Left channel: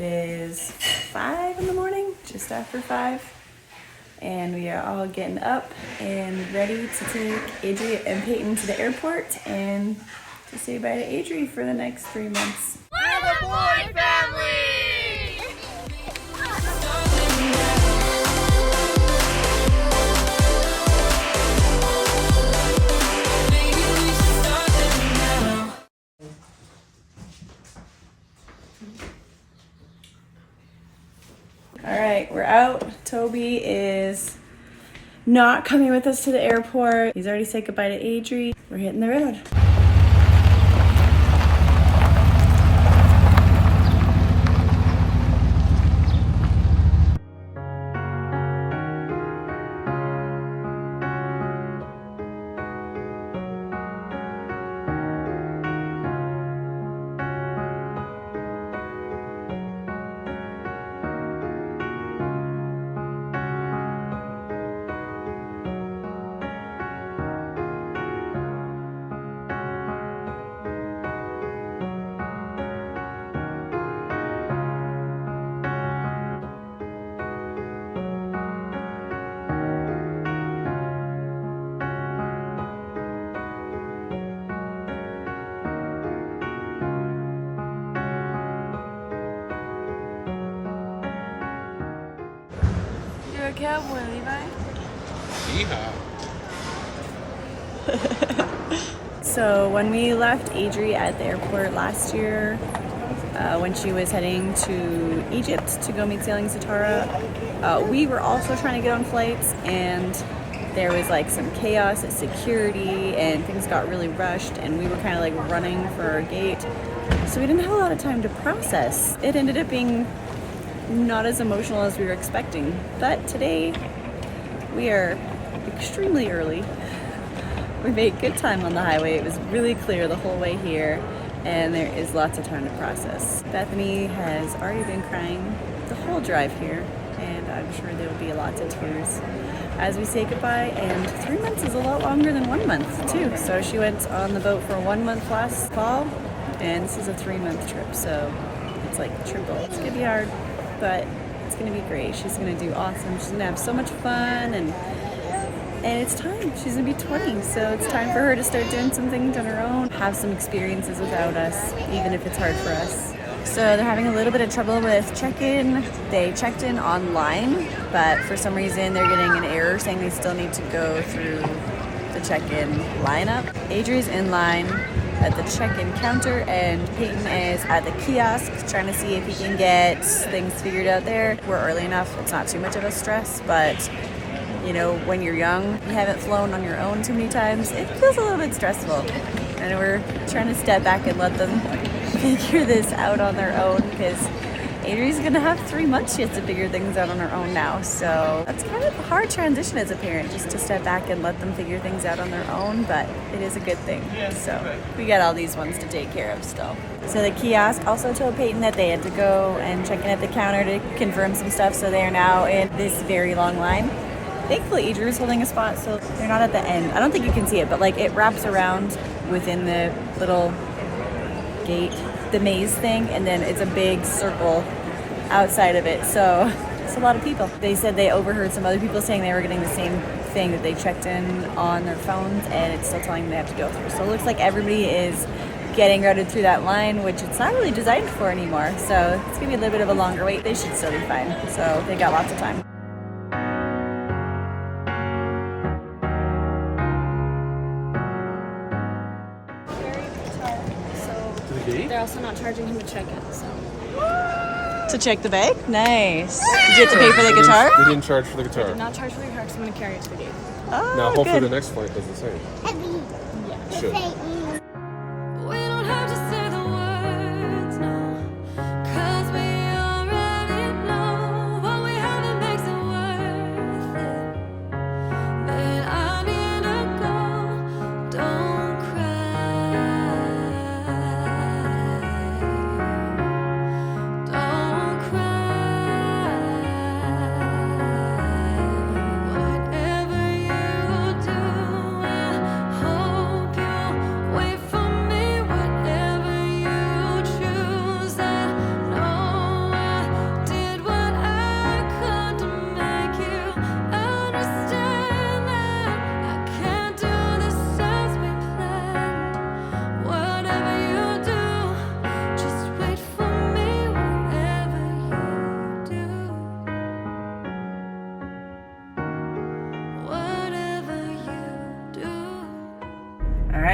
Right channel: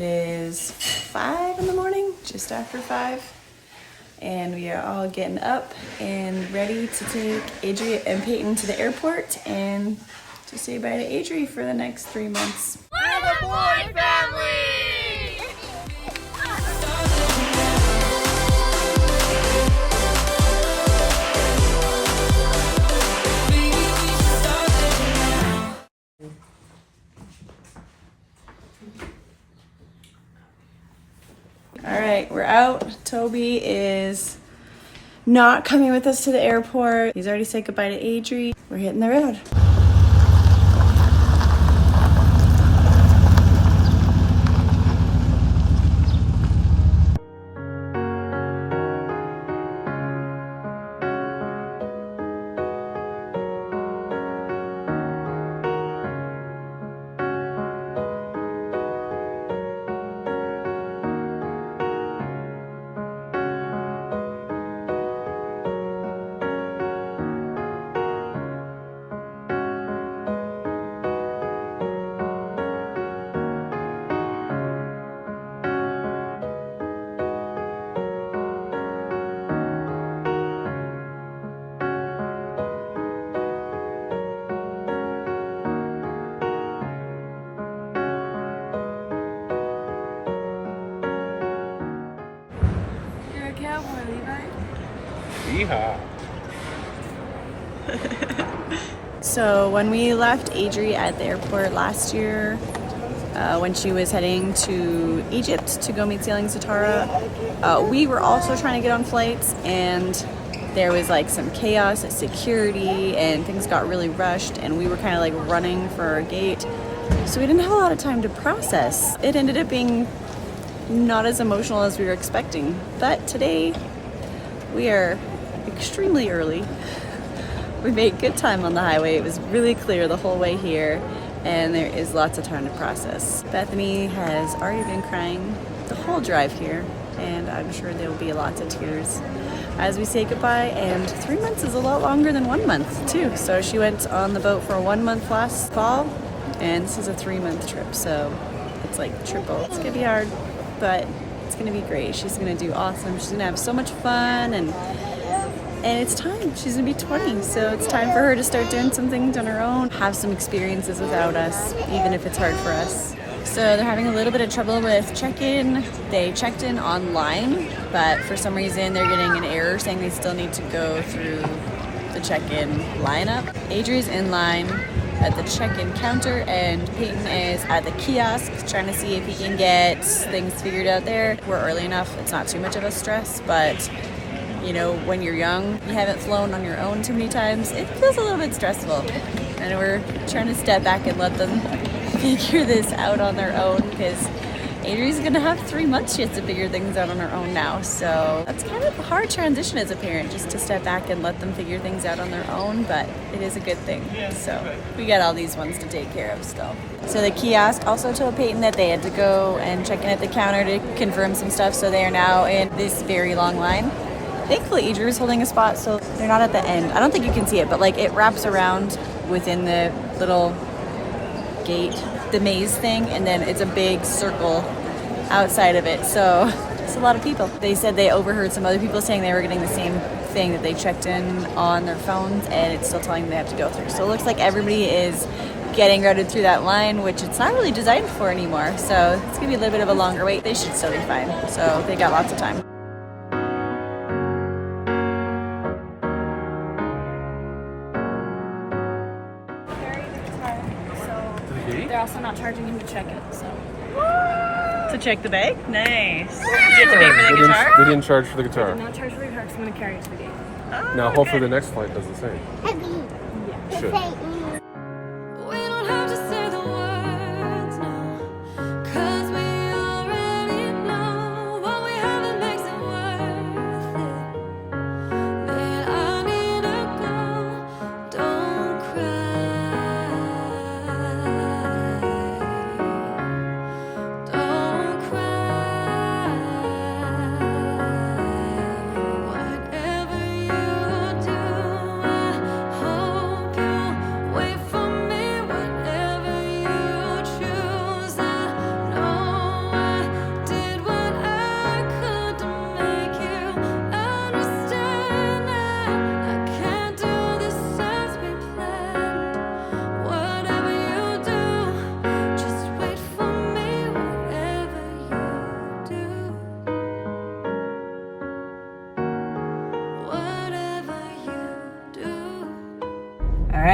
It is 5 in the morning, just after 5. And we are all getting up and ready to take Adri and Peyton to the airport and to say bye to Adri for the next 3 months. We're the boy family! All right, we're out. Toby is not coming with us to the airport. He's already said goodbye to Adri. We're hitting the road. Cowboy, Levi? Yeehaw. So when we left Adri at the airport last year, when she was heading to Egypt to go meet Sailing Satara, we were also trying to get on flights, and there was like some chaos at security and things got really rushed, and we were kind of like running for our gate. So we didn't have a lot of time to process. It ended up being not as emotional as we were expecting, but today we are extremely early. We made good time on the highway. It was really clear the whole way here, and there is lots of time to process. Bethany has already been crying the whole drive here, and I'm sure there will be lots of tears as we say goodbye. And 3 months is a lot longer than 1 month too. So she went on the boat for 1 month last fall, and this is a 3-month trip, so it's like triple. It's gonna be hard, but it's gonna be great. She's gonna do awesome. She's gonna have so much fun, and it's time. She's gonna be 20, so it's time for her to start doing some things on her own, have some experiences without us, even if it's hard for us. So they're having a little bit of trouble with check-in. They checked in online, but for some reason they're getting an error saying they still need to go through the check-in lineup. Adri's in line at the check-in counter, and Peyton is at the kiosk trying to see if he can get things figured out there. We're early enough, it's not too much of a stress, but you know, when you're young, you haven't flown on your own too many times, it feels a little bit stressful. And we're trying to step back and let them figure this out on their own, because Adri's gonna have 3 months she has to figure things out on her own now. So that's kind of a hard transition as a parent, just to step back and let them figure things out on their own, but it is a good thing. So we got all these ones to take care of still. So the kiosk also told Peyton that they had to go and check in at the counter to confirm some stuff, so they are now in this very long line. Thankfully Adri is holding a spot, so they're not at the end. I don't think you can see it, but like it wraps around within the little gate, the maze thing, and then it's a big circle outside of it, so it's a lot of people. They said they overheard some other people saying they were getting the same thing, that they checked in on their phones and it's still telling them they have to go through. So it looks like everybody is getting routed through that line, which it's not really designed for anymore, so it's gonna be a little bit of a longer wait. They should still be fine, so they got lots of time. They're also not charging him to check it, so. To check the bag? Nice. Did you have to pay for the guitar? They didn't charge for the guitar. Did not charge for the guitar because I'm going to carry it to the gate. Oh, Now, hopefully good. the next flight does the same. Yeah. Should. We don't have to say the words now, 'cause we already know what we have, it makes it worth it. Then I need to go, don't cry, don't cry. Whatever you do, I hope you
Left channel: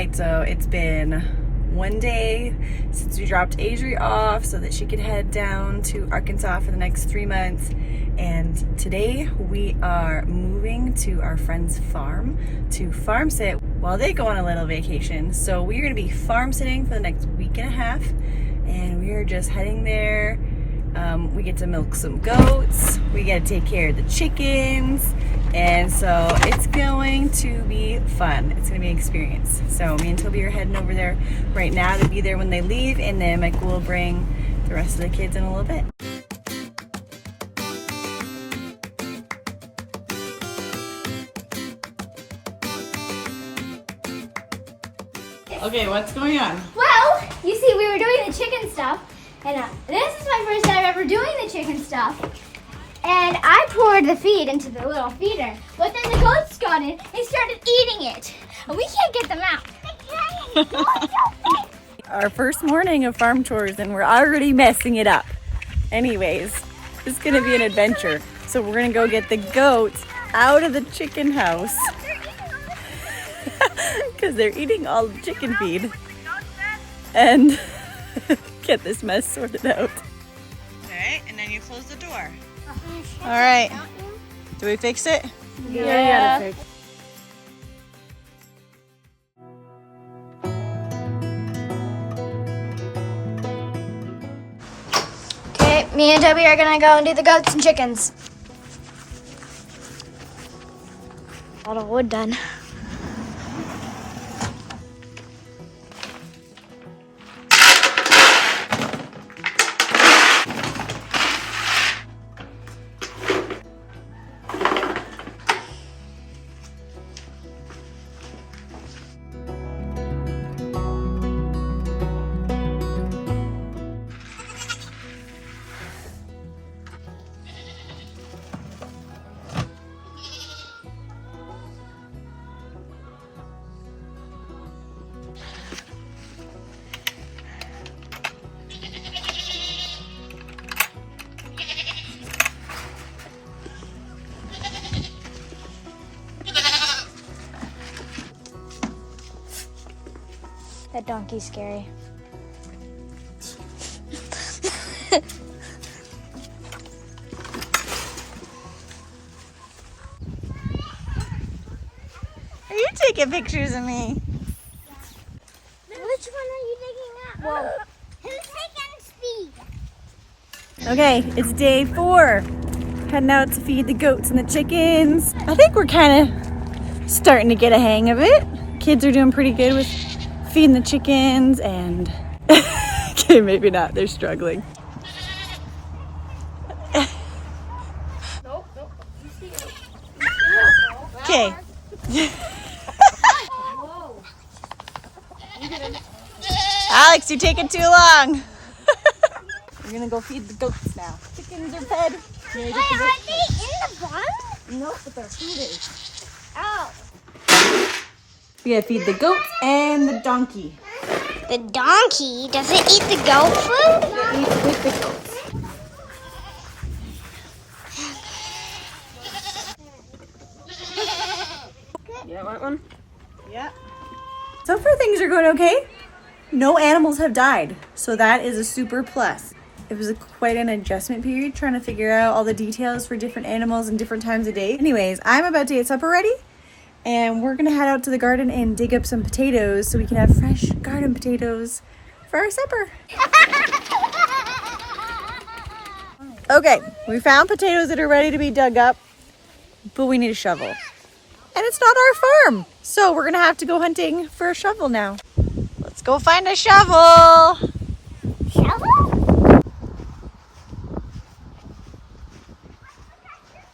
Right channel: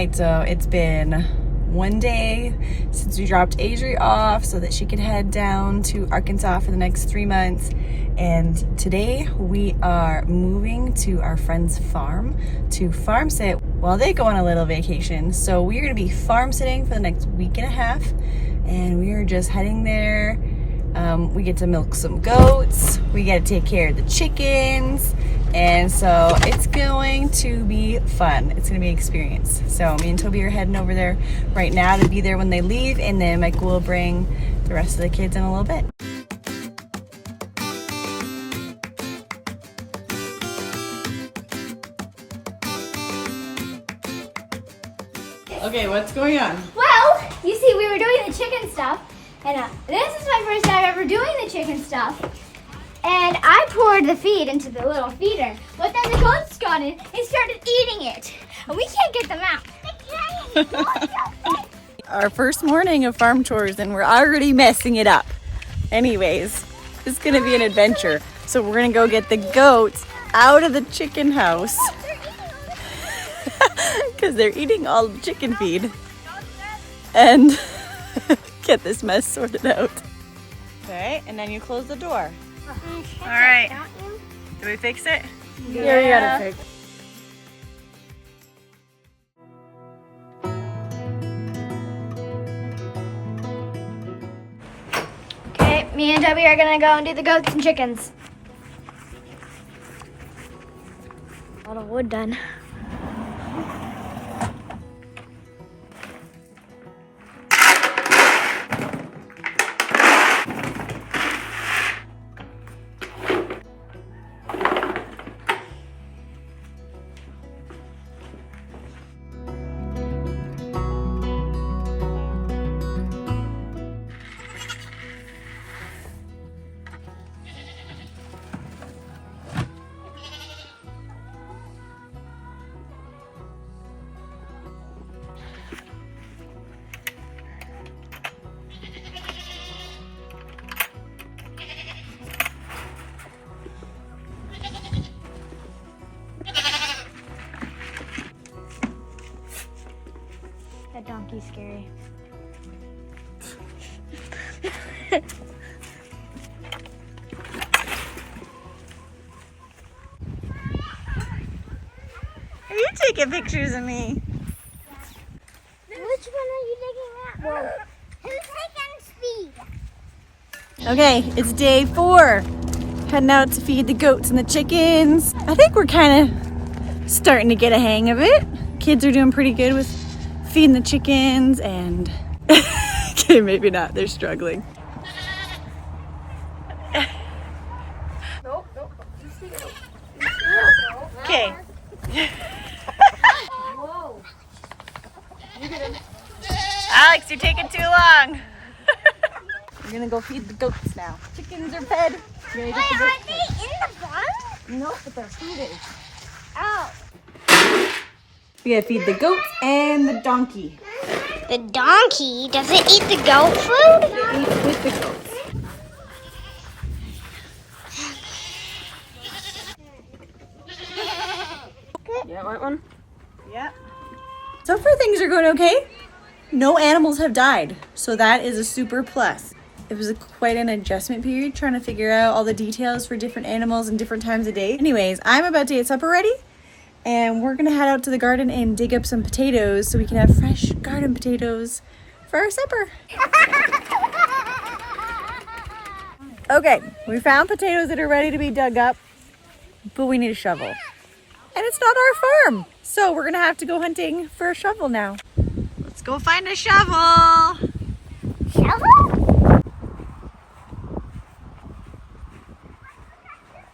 right, so it's been one day since we dropped Adri off so that she could head down to Arkansas for the next 3 months. And today we are moving to our friend's farm to farm sit while they go on a little vacation. So we're gonna be farm sitting for the next week and a half, and we are just heading there. We get to milk some goats, we get to take care of the chickens, and so it's going to be fun. It's gonna be an experience. So me and Toby are heading over there right now to be there when they leave, and then Michael will bring the rest of the kids in a little bit. Okay, what's going on? Well, you see, we were doing the chicken stuff, and this is my first time ever doing the chicken stuff. And I poured the feed into the little feeder, but then the goats got in and started eating it. And we can't get them out. Our first morning of farm tours, and we're already messing it up. Anyways, it's gonna be an adventure. So we're gonna go get the goats out of the chicken house because they're eating all the chicken feed, and get this mess sorted out. Okay, and then you close the door. All right, do we fix it? Yeah. Fix. Okay, me and Toby are gonna go and do the goats and chickens. All the wood done. That donkey's scary. Are you taking pictures of me? Which one are you taking at? Whoa. Who's taking speed? Okay, it's day 4. Heading out to feed the goats and the chickens. I think we're kind of starting to get a hang of it. Kids are doing pretty good with feeding the chickens, and okay, maybe not, they're struggling. Nope. Okay. Whoa. Alex, you're taking too long. We're gonna go feed the goats now. Chickens are fed. We're gonna get the goats fed. Nope, but they're feeding. We gotta feed the goats and the donkey. The donkey? Does it eat the goat food? It eats with the goats. You want one? Yeah. So far things are going okay. No animals have died, so that is a super plus. It was quite an adjustment period trying to figure out all the details for different animals and different times of day. Anyways, I'm about to get supper ready, and we're gonna head out to the garden and dig up some potatoes so we can have fresh garden potatoes for our supper. Okay, we found potatoes that are ready to be dug up, but we need a shovel. And it's not our farm, so we're gonna have to go hunting for a shovel now. Let's go find a shovel. Shovel?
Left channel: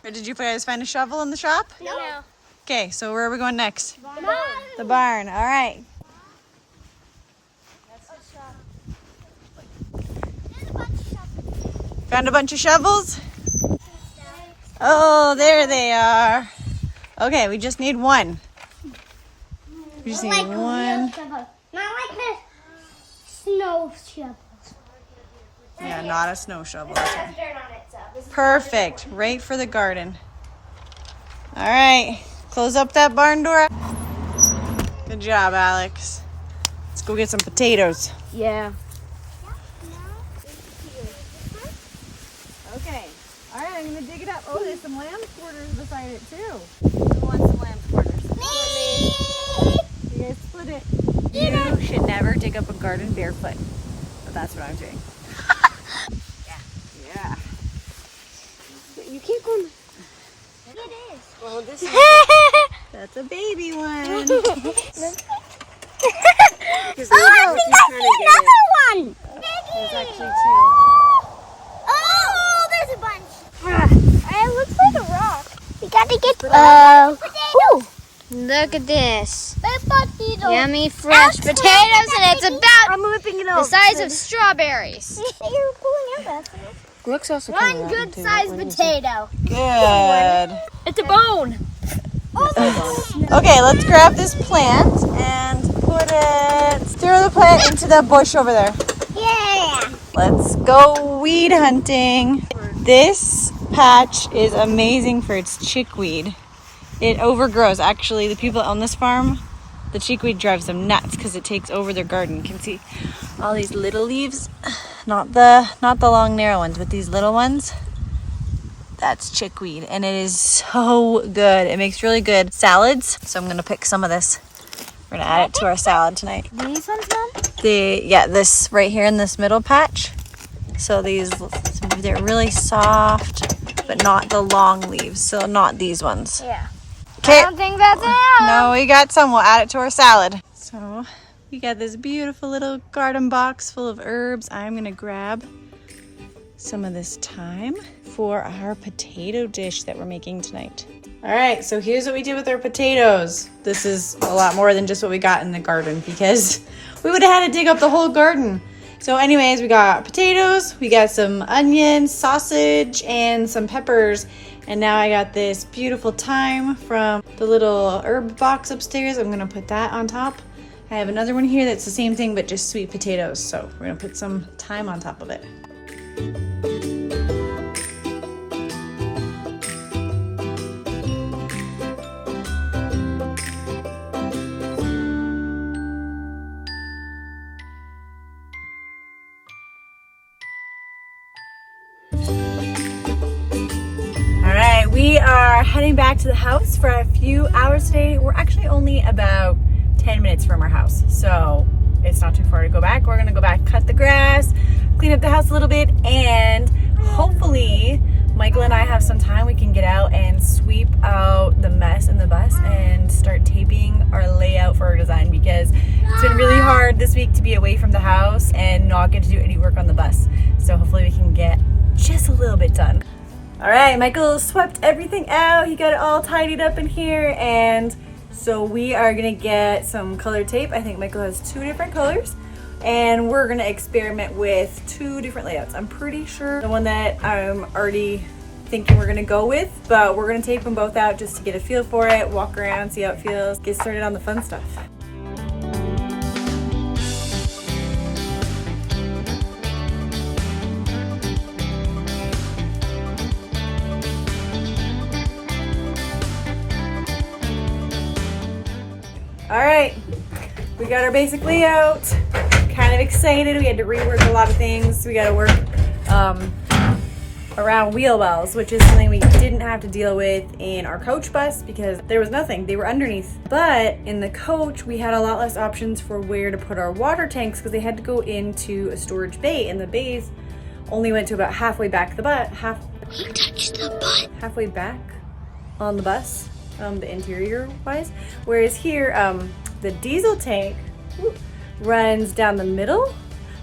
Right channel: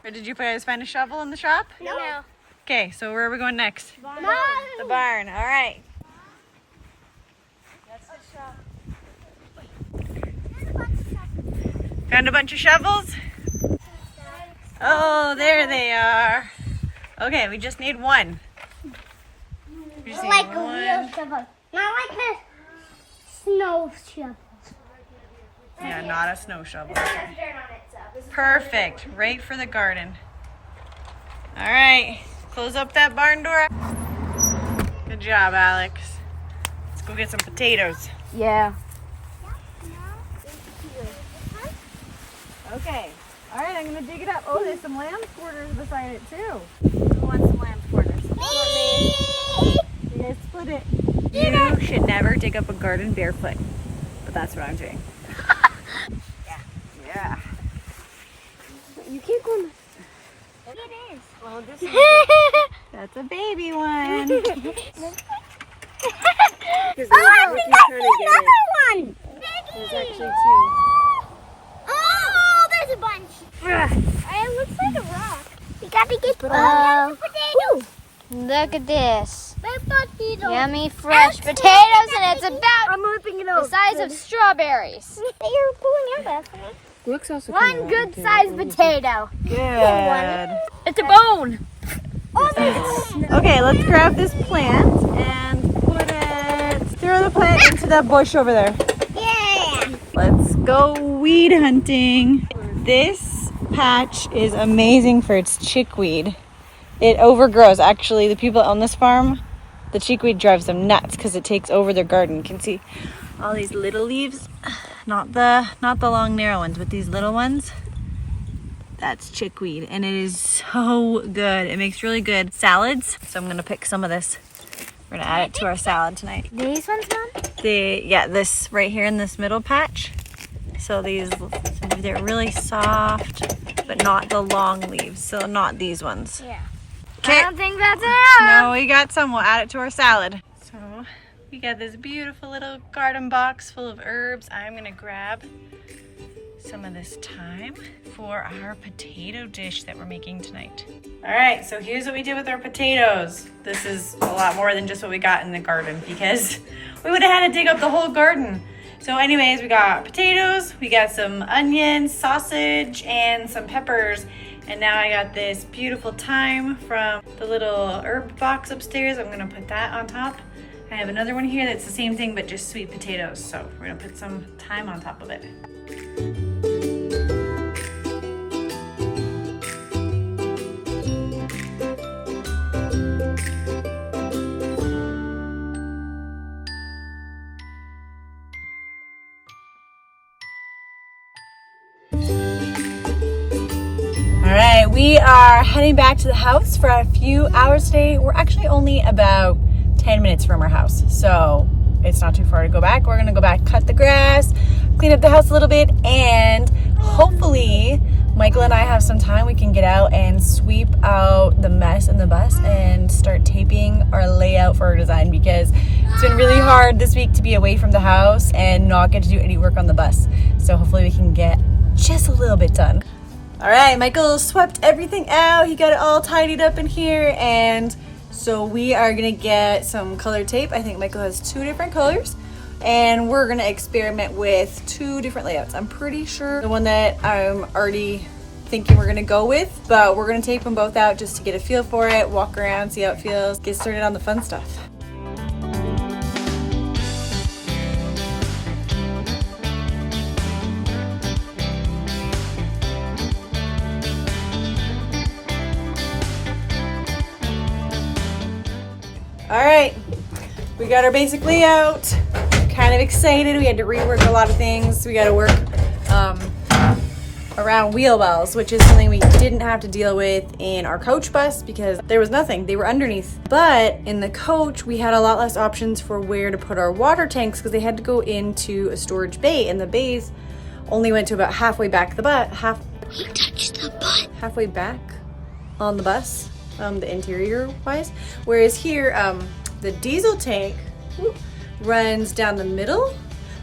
Or did you guys find a shovel in the shop? No. Okay, so where are we going next? Mom. The barn, all right. Found a bunch of shovels? Oh, there they are. Okay, we just need one. We just Like need a one. real shovel. Not like the snow shovels. Yeah, not a snow shovel. It has dirt on it, so this is Perfect, right for the garden. All right, close up that barn door. Good Good job, Alex. Let's go get some potatoes. Yeah. Okay. All right, I'm gonna dig it up. Oh, there's some lamb quarters beside it too. Who wants some lamb quarters? You guys split it. You should never dig up a garden barefoot, but that's what I'm doing. Yeah. You keep them. It is. Oh, this That's a baby one. Oh, another one. There's actually two. Oh, there's a bunch. It looks like a rock. We gotta get potato. Look at this. Potato. Yummy fresh potatoes, and it's about I'm whipping it the out. size of strawberries. You're pulling your best. Looks also One good sized potato. Good. It's a bone. Okay, let's grab this plant and throw the plant into that bush over there. Yeah. Let's go weed hunting. This patch is amazing for its chickweed. It overgrows. Actually, the people on this farm, the chickweed drives them nuts because it takes over their garden. You can see all these little leaves, not the long narrow ones, but these little ones. That's chickweed, and it is so good. It makes really good salads. So I'm gonna pick some of this. We're gonna add it to our salad tonight. These ones, Mom? This right here in this middle patch. So they're really soft, but not the long leaves. So not these ones. Yeah. Okay. I don't think that's enough. No, we got some. We'll add it to our salad. So we got this beautiful little garden box full of herbs. I'm gonna grab some of this thyme for our potato dish that we're making tonight. All right, so here's what we did with our potatoes. This is a lot more than just what we got in the garden because we would have had to dig up the whole garden. So anyways, we got potatoes, we got some onions, sausage, and some peppers. And now I got this beautiful thyme from the little herb box upstairs. I'm gonna put that on top. I have another one here that's the same thing, but just sweet potatoes. So we're gonna put some thyme on top of it. We are heading back to the house for a few hours today. We're actually only about 10 minutes from our house, so it's not too far to go back. We're gonna go back, cut the grass, clean up the house a little bit, and hopefully Michael and I have some time. We can get out and sweep out the mess in the bus and start taping our layout for our design, because it's been really hard this week to be away from the house and not get to do any work on the bus. So hopefully we can get just a little bit done. All right, Michael swept everything out. He got it all tidied up in here, and so we are gonna get some color tape. I think Michael has 2 different colors, and we're gonna experiment with 2 different layouts. I'm pretty sure the one that I'm already thinking we're gonna go with, but we're gonna tape them both out just to get a feel for it, walk around, see how it feels, get started on the fun stuff. All right, we got our basic layout. Kind of excited. We had to rework a lot of things. We got to work around wheel wells, which is something we didn't have to deal with in our coach bus because there was nothing. They were underneath. But in the coach, we had a lot less options for where to put our water tanks because they had to go into a storage bay, and the bays only went to about halfway back the butt. Halfway back on the bus. The interior wise, whereas here the diesel tank runs down the middle,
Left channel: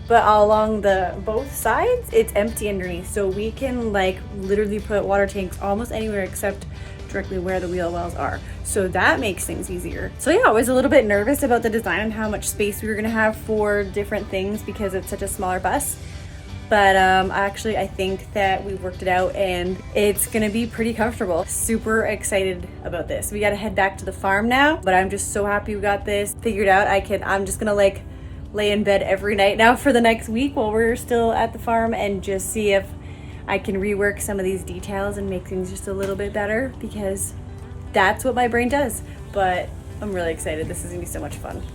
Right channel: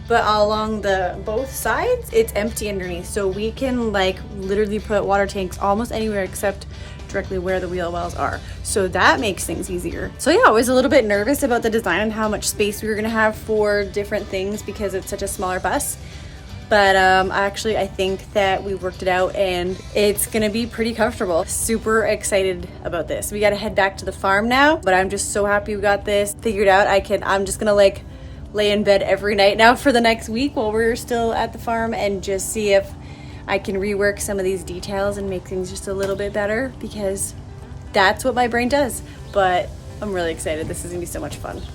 but along the both sides it's empty underneath, so we can like literally put water tanks almost anywhere except directly where the wheel wells are, so that makes things easier. So yeah, I was a little bit nervous about the design and how much space we were gonna have for different things because it's such a smaller bus. But actually, I think that we worked it out and it's gonna be pretty comfortable. Super excited about this. We gotta head back to the farm now, but I'm just so happy we got this figured out. I'm just gonna like lay in bed every night now for the next week while we're still at the farm and just see if I can rework some of these details and make things just a little bit better, because that's what my brain does. But I'm really excited. This is gonna be so much fun.